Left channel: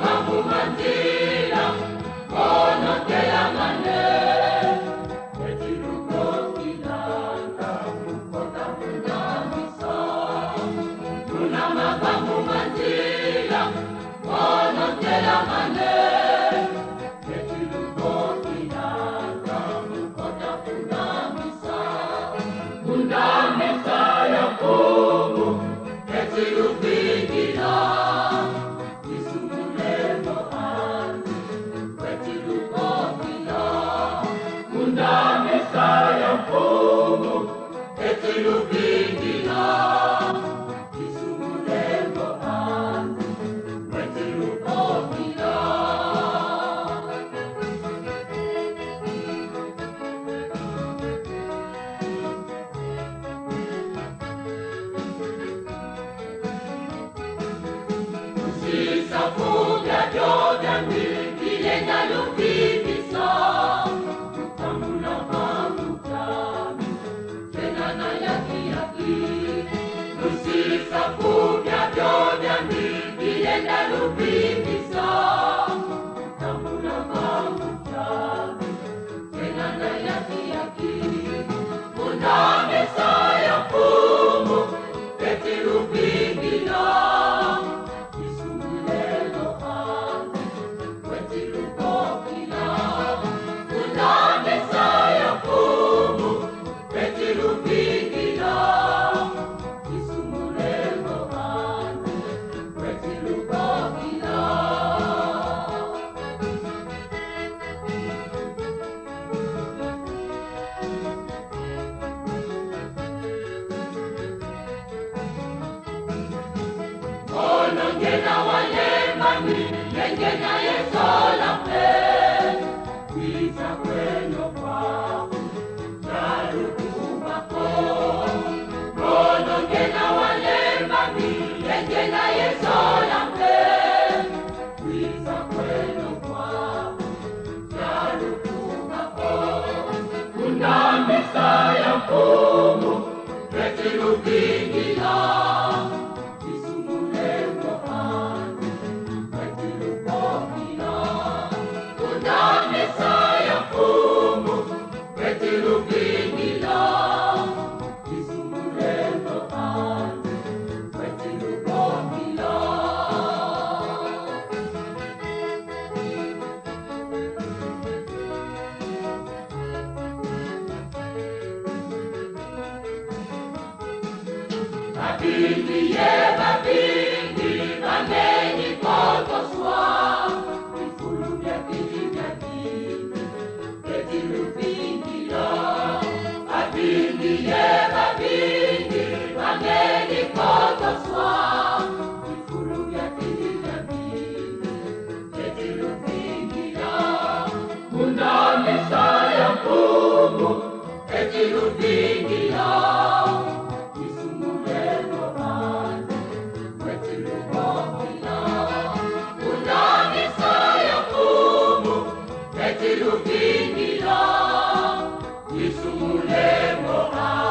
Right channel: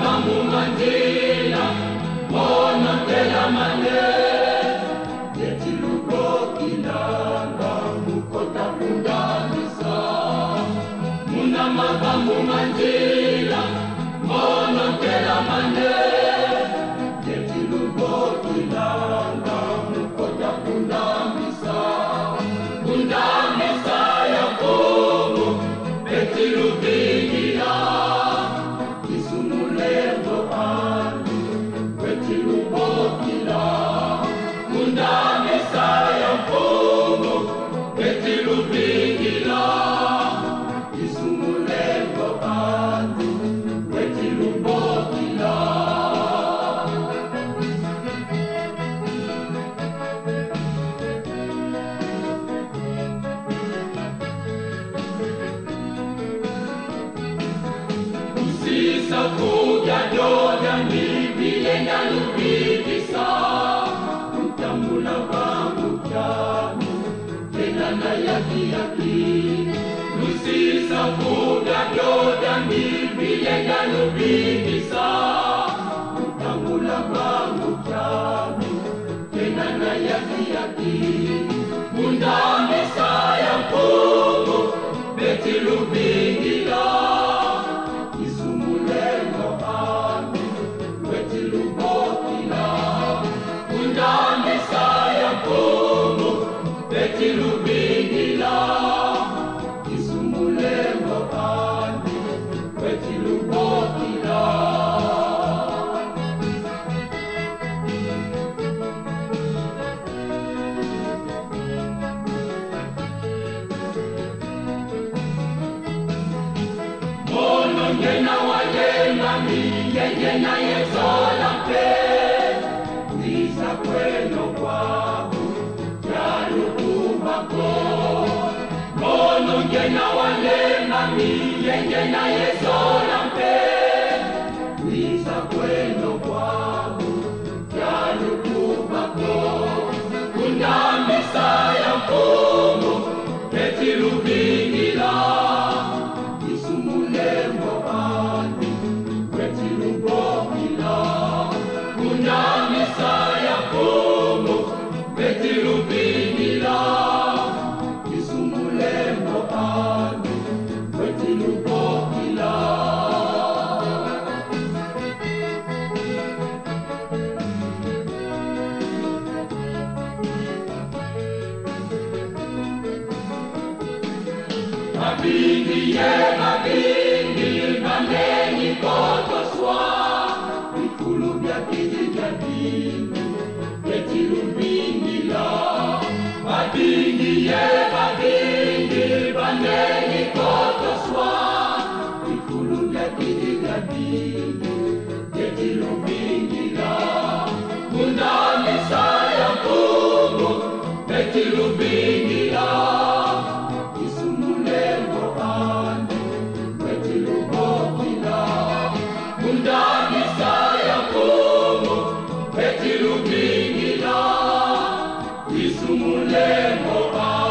Mambo mandila, mono de la manera, de tilugo kilanga, mukota mundamisa. Muna mambo mandila, mono de la manera, de tilugo kilanga, mukota mundamisa. Mundamisa ya bobo, de tilubigila. Messiah Pomo, Petilu Bigila, Isumulengo Anu, Petilu Bogila. Usisa Buya Doga Ni, Bilenga Lubikisa. Mula bangu kyami, tena na yaki yaki. Nusisa fuga doda ni bilenga lubikisa. Mula bangu kyami, tena na yaki yaki. Munda Messiah Pomo, beti lubingila. Isumulengo anu, beti lubokila. Munda Messiah Pomo, beti lubingila. Isumulengo anu, beti lubokila. Mono ngena wayemba mi, ngena yesola mpe. Wisa kweno kwabu, yalukumako. Mono ngena walemba mi, ngena yesola mpe. Wisa kweno kwabu, yalukumako. Munda Messiah Pomo, beti lubingila. Isumulengo anu, beti lubokila. Munda Messiah Pomo, beti lubingila. Isumulengo anu, beti lubokila. Babingi ye babingi, bandeni koto swa. Vikulu vya kiti vya dini, beti lubingila. Babingi ye babingi, bandeni koto swa. Vikulu vya kiti vya dini, beti lubingila. Munda Messiah Pomo, beti lubingila. Isumulengo anu, beti lubokila. Munda Messiah Pomo, beti lubingila. Isumulengo anu.